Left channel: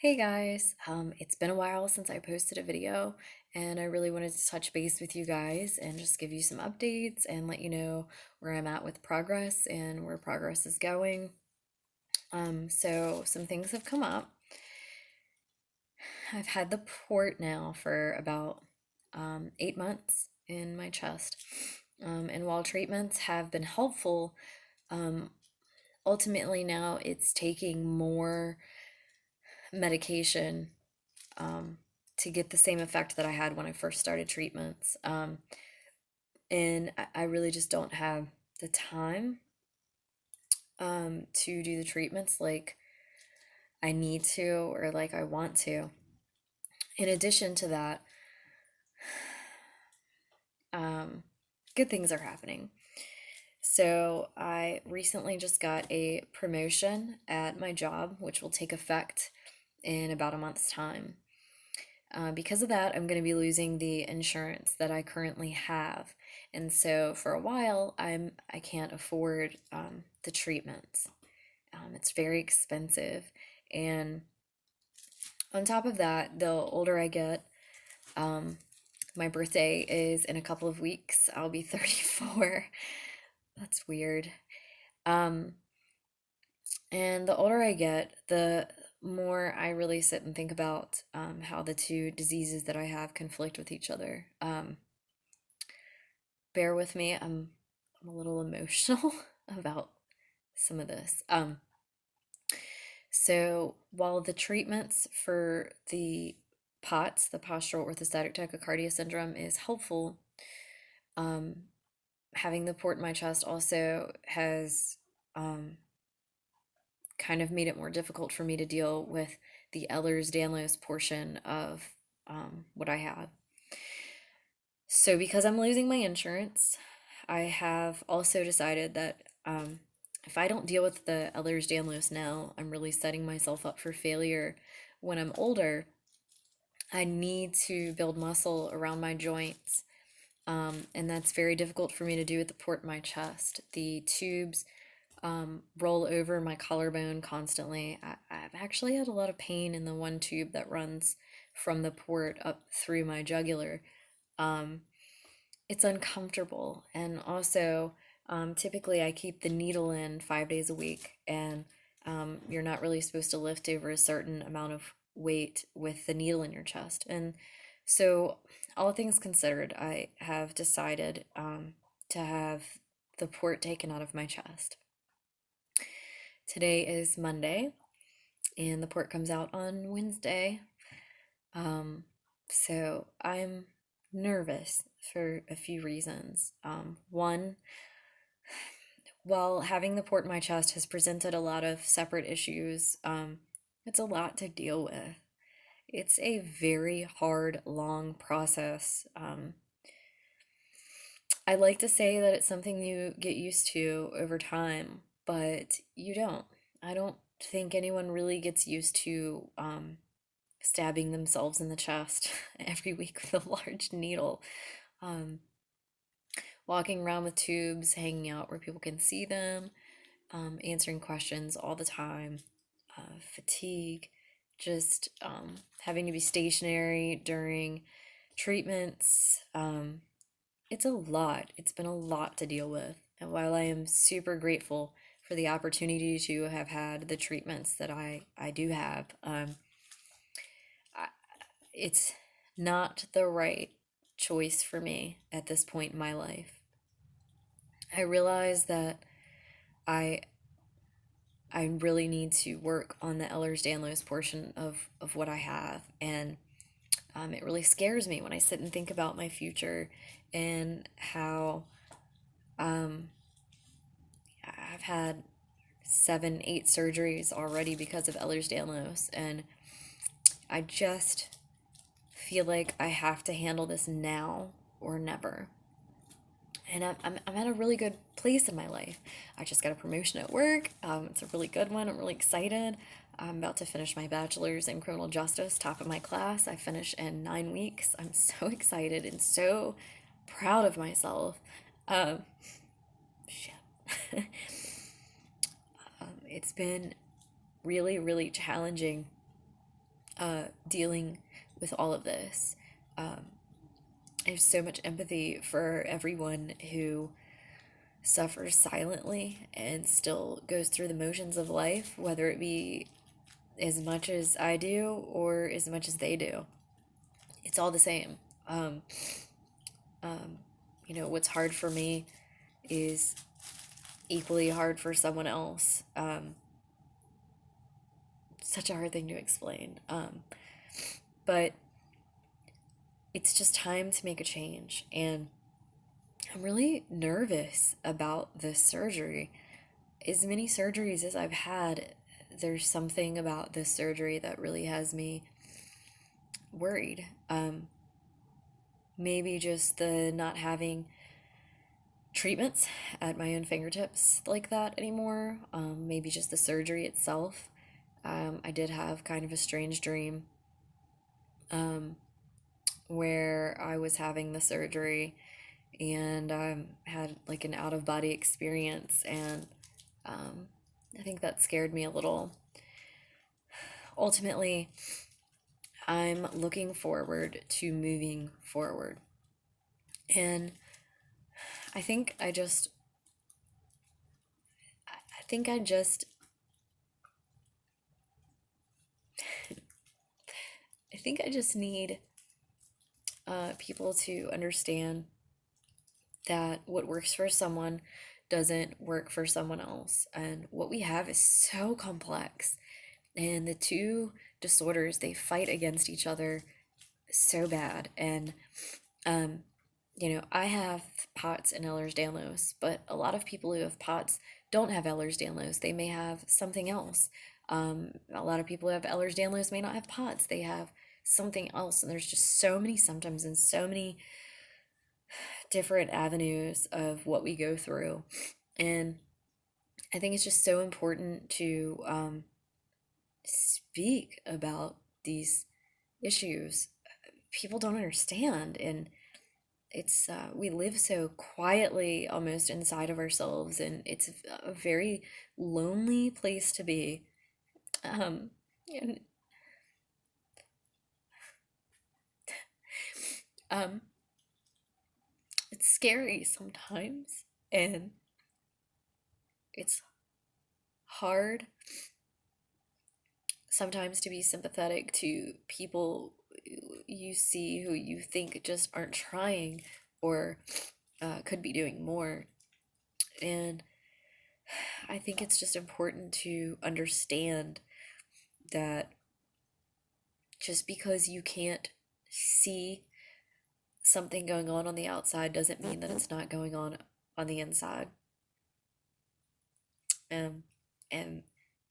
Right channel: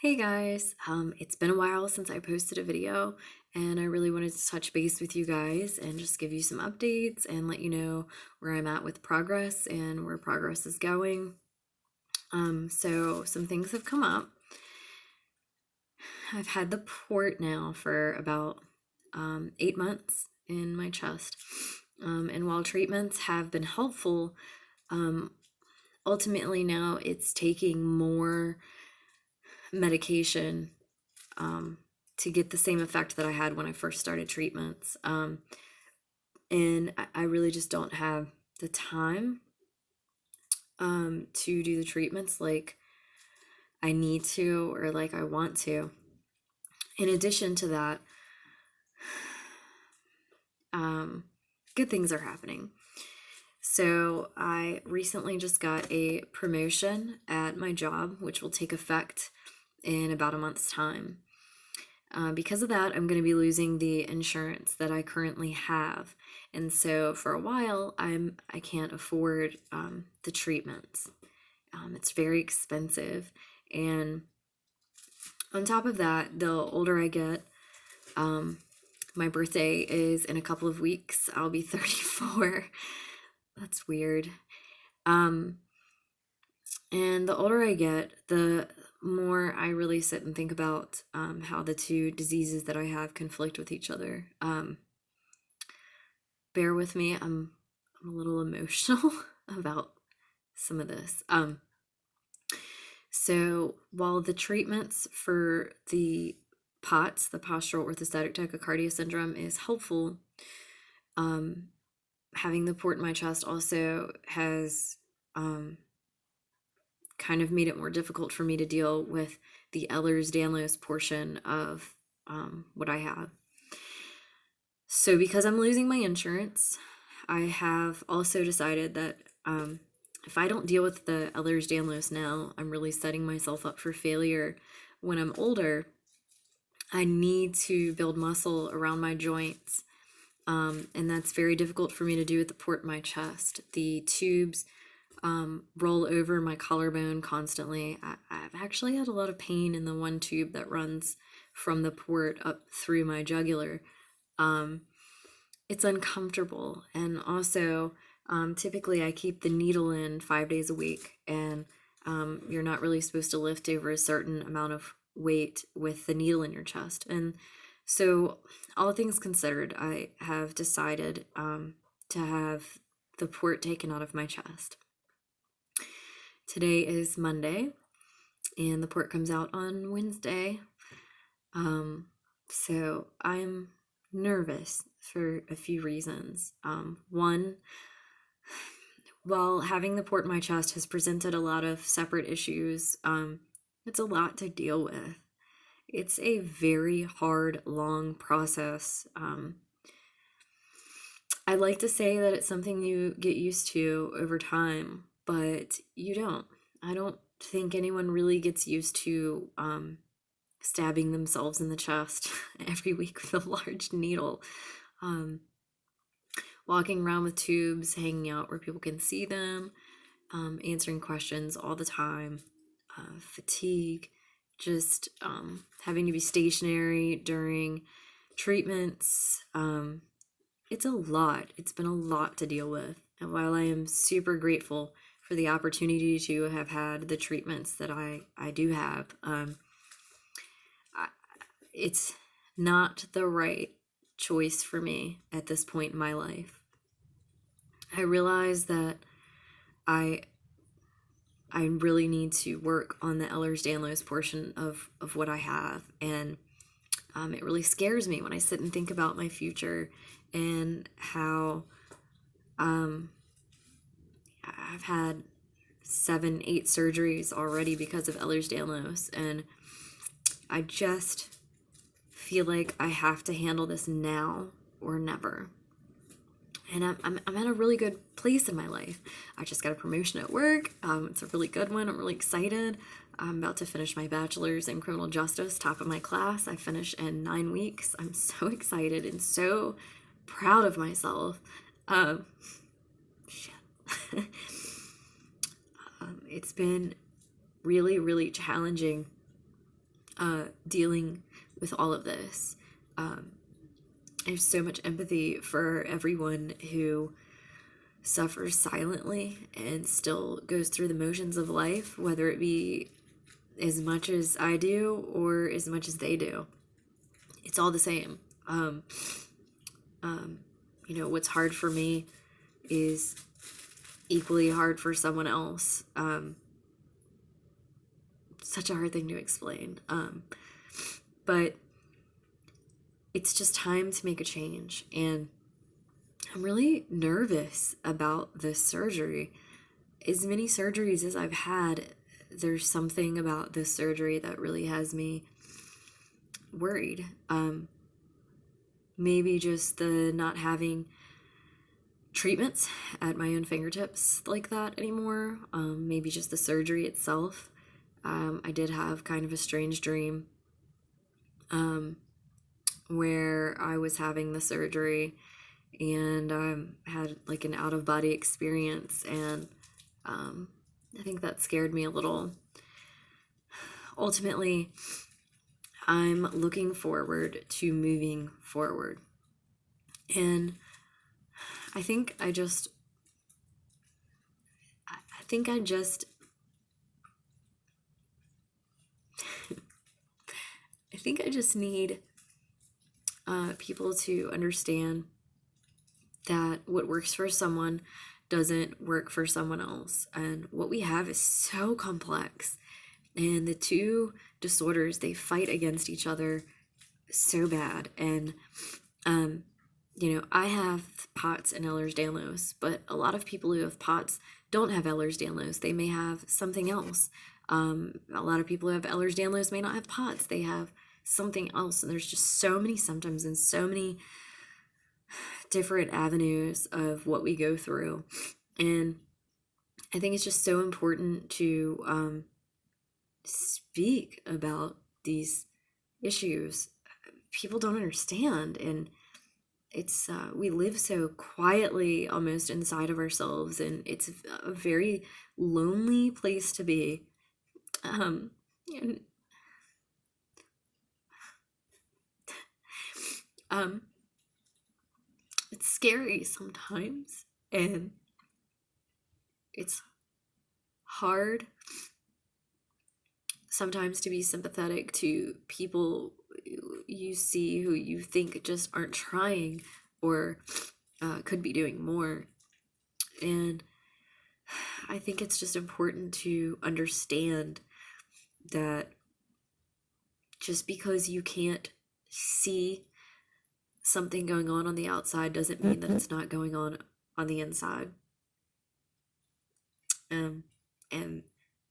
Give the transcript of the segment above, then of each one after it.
Hey guys, it's been a while since I posted a video, and I really wanted to touch base with you guys and just give you some updates and let you know where I'm at with progress and where progress is going. So some things have come up. I've had the port now for about 8 months in my chest, and while treatments have been helpful, um, ultimately now it's taking more medication to get the same effect that I had when I first started treatments. And I really just don't have the time to do the treatments like I need to or like I want to. In addition to that, good things are happening. So I recently just got a promotion at my job, which will take effect in about a month's time. Because of that, I'm going to be losing the insurance that I currently have, and so for a while, I can't afford the treatments. It's very expensive, and on top of that, the older I get, my birthday is in a couple of weeks. I'll be 34. That's weird. Um, and the older I get, the more I really sit and think about how the two diseases that I have conflict with each other. Bear with me, I'm a little emotional about some of this. So while the treatments for the POTS, the postural orthostatic tachycardia syndrome, is helpful, having the port in my chest also has kind of made it more difficult for me to deal with the Ehlers-danlos portion of what I have. So because I'm losing my insurance, I have also decided that if I don't deal with the Ehlers-danlos now, I'm really setting myself up for failure when I'm older. I need to build muscle around my joints, and that's very difficult for me to do with the port in my chest. The tubes roll over my collarbone constantly. I've actually had a lot of pain in the one tube that runs from the port up through my jugular. It's uncomfortable, and also typically I keep the needle in 5 days a week, and you're not really supposed to lift over a certain amount of weight with the needle in your chest. And so, all things considered, I have decided to have the port taken out of my chest. Today is Monday, and the port comes out on Wednesday. So I'm nervous for a few reasons. One, while having the port in my chest has presented a lot of separate issues, it's a lot to deal with. It's a very hard, long process. I like to say that it's something you get used to over time, but you don't. I don't think anyone really gets used to stabbing themselves in the chest every week with a large needle. Walking around with tubes hanging out where people can see them, answering questions all the time, fatigue, just having to be stationary during treatments. It's a lot. It's been a lot to deal with. And while I am super grateful for the opportunity to have had the treatments that I do have, it's not the right choice for me at this point in my life. I realize that I I really need to work on the Ehlers-Danlos portion of what I have, and it really scares me when I sit and think about my future and how I've had 7, 8 surgeries already because of Ehlers-Danlos, and I just feel like I have to handle this now or never. And I'm at a really good place in my life. I just got a promotion at work. It's a really good one. I'm really excited. I'm about to finish my bachelor's in criminal justice, top of my class. I finish in 9 weeks. I'm so excited and so proud of myself. Shit. It's been really, really challenging dealing with all of this. I have so much empathy for everyone who suffers silently and still goes through the motions of life, whether it be as much as I do or as much as they do. It's all the same. What's hard for me is equally hard for someone else. Such a hard thing to explain. But it's just time to make a change. And I'm really nervous about this surgery. As many surgeries as I've had, there's something about this surgery that really has me worried. Maybe just the not having treatments at my own fingertips like that anymore. Maybe just the surgery itself. I did have kind of a strange dream where I was having the surgery and had like an out-of-body experience, and I think that scared me a little. Ultimately, I'm looking forward to moving forward. And I think I just need people to understand that what works for someone doesn't work for someone else. And what we have is so complex. And the two disorders, they fight against each other so bad. And, I have POTS and Ehlers-danlos, but a lot of people who have POTS don't have Ehlers-danlos. They may have something else. A lot of people who have Ehlers-danlos may not have POTS. They have something else. And there's just so many symptoms and so many different avenues of what we go through. And I think it's just so important to speak about these issues. People don't understand, and it's we live so quietly almost inside of ourselves, and it's a very lonely place to be. And it's scary sometimes, and it's hard sometimes to be sympathetic to people you see who you think just aren't trying or could be doing more. And I think it's just important to understand that just because you can't see something going on the outside doesn't mean that it's not going on the inside. And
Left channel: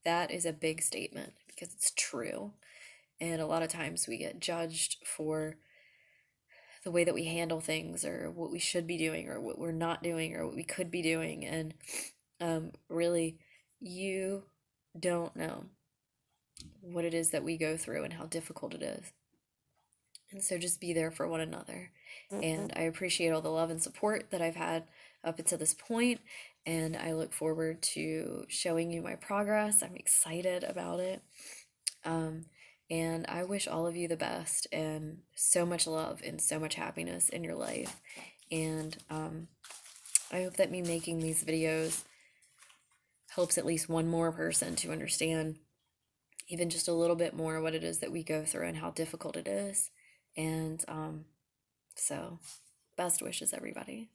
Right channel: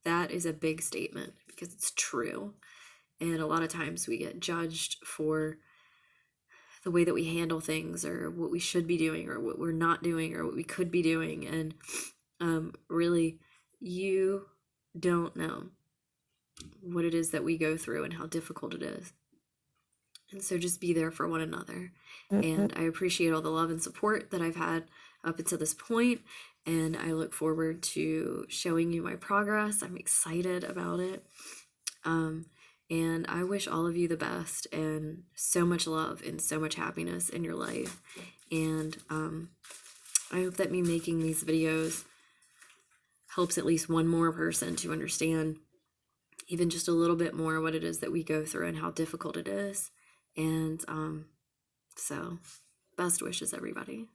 that is a big statement because it's true. And a lot of times we get judged for the way that we handle things, or what we should be doing, or what we're not doing, or what we could be doing. And really, you don't know what it is that we go through and how difficult it is. And so just be there for one another. And I appreciate all the love and support that I've had up until this point, and I look forward to showing you my progress. I'm excited about it. And I wish all of you the best and so much love and so much happiness in your life. And I hope that me making these videos helps at least one more person to understand even just a little bit more what it is that we go through and how difficult it is. And so best wishes, everybody.